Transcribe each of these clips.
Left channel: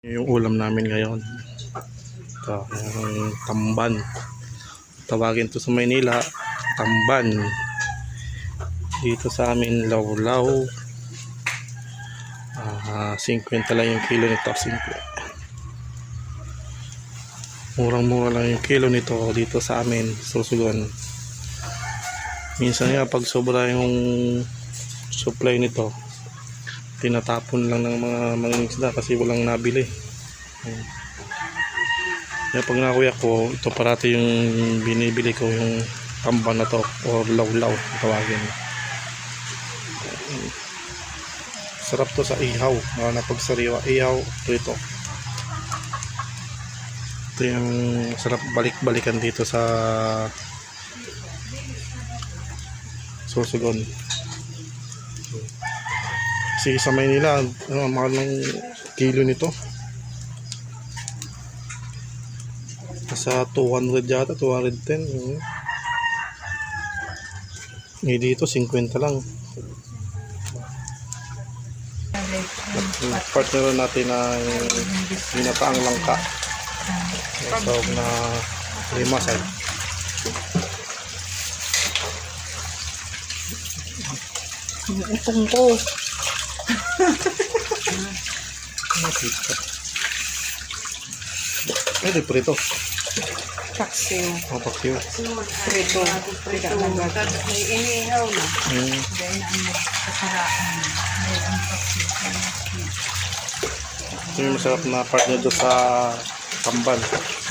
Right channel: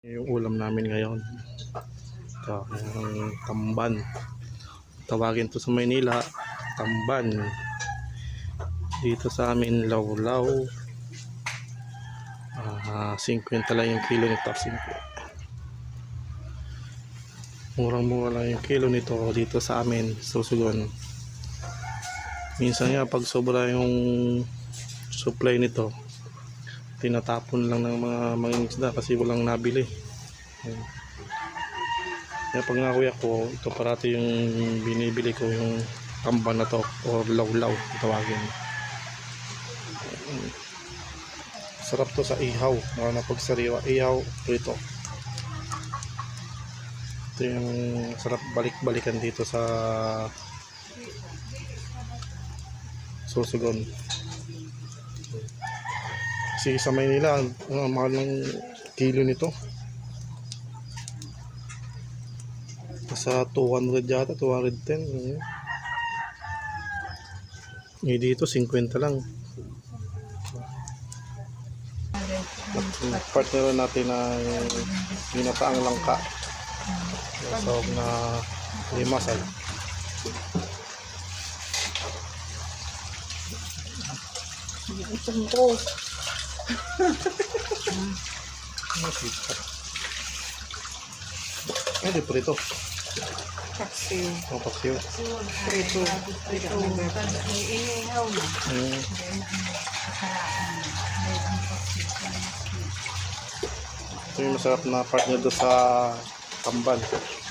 Yung ulam namin ngayon. Yung tamban. Tawagin to sa Maynila, tamban. Dito sa amin, lawlaw. Ah, 50 lang yung kilo nito, 5. Murang-mura lang yung kilo nito dito sa amin, susugan. Minsan nga pag sobra yung supply nito, tinatapon lang ng mga mangingisda kasi walang nabili. Ayan. Kaya pag nakuya ko, ito parati yung binibili ko yung tamban na to or lawlaw tawagin. Sarap to sa ihaw. Mga napagsariwa ihaw, prito. Ito yung sarap balik-balikan dito sa susugon. Kasi sa Maynila, ano, ang mahal ng kilo nito. Nasa 200 yata, 210. Ano. Eh dito, 50 lang. Partner natin na binataang langka. Sa na limasay. Itong ko. Ay, prito. Taksiw. Ang paksiw. Prito. Tidak nagad. May iniihaw na. Mm. Dahil ang kasaraan. May ang paksi. Ito yung masarap na doon sa tamban.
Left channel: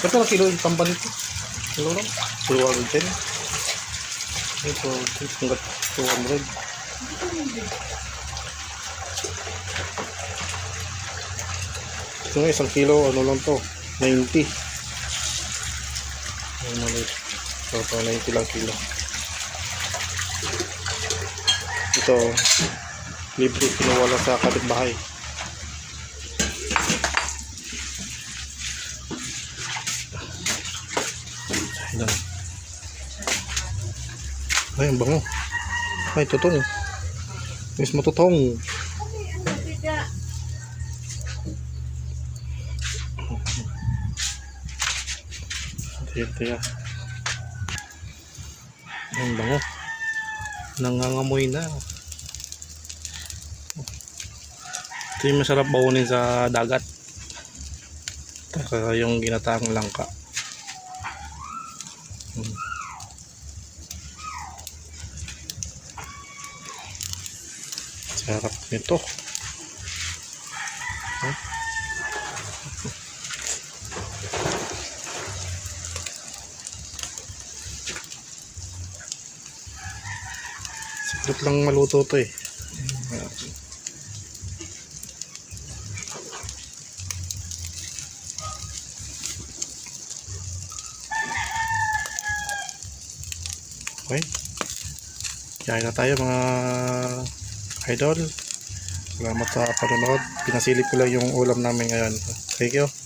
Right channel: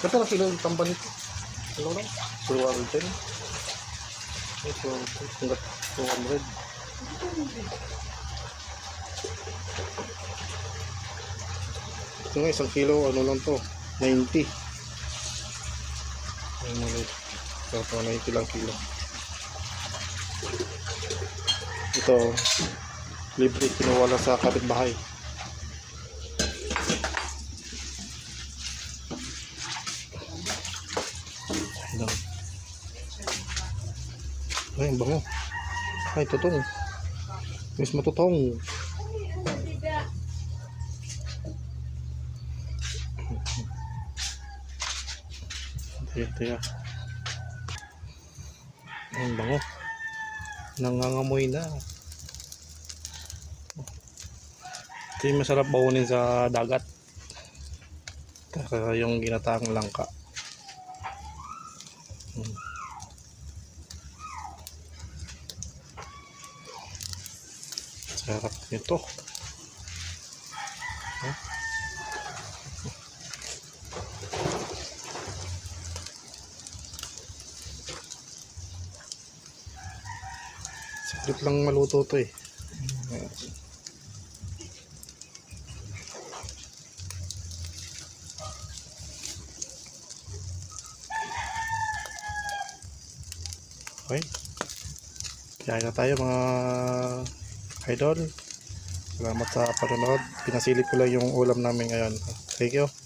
Ito na kilo yung tamban nito. Kilo lang. 210. Ito, hanggat 200. Ito nga, isang kilo, ano lang to, 90. Ang maliit. Ito, 90 lang kilo. Ito, libre, kinuha lang sa kapitbahay. Ay, ang bango. Ay, tutong. Mas matutong. Tiga. Ay, Ang bango. Nangangamoy na. Ito yung masarap baunin sa dagat. Saka yung ginataang langka. Sarap nito. Sarap lang maluto to eh. Okay. Kain na tayo mga idol. Salamat sa panonood. Pinasilip ko lang yung ulam namin ngayon. Thank you.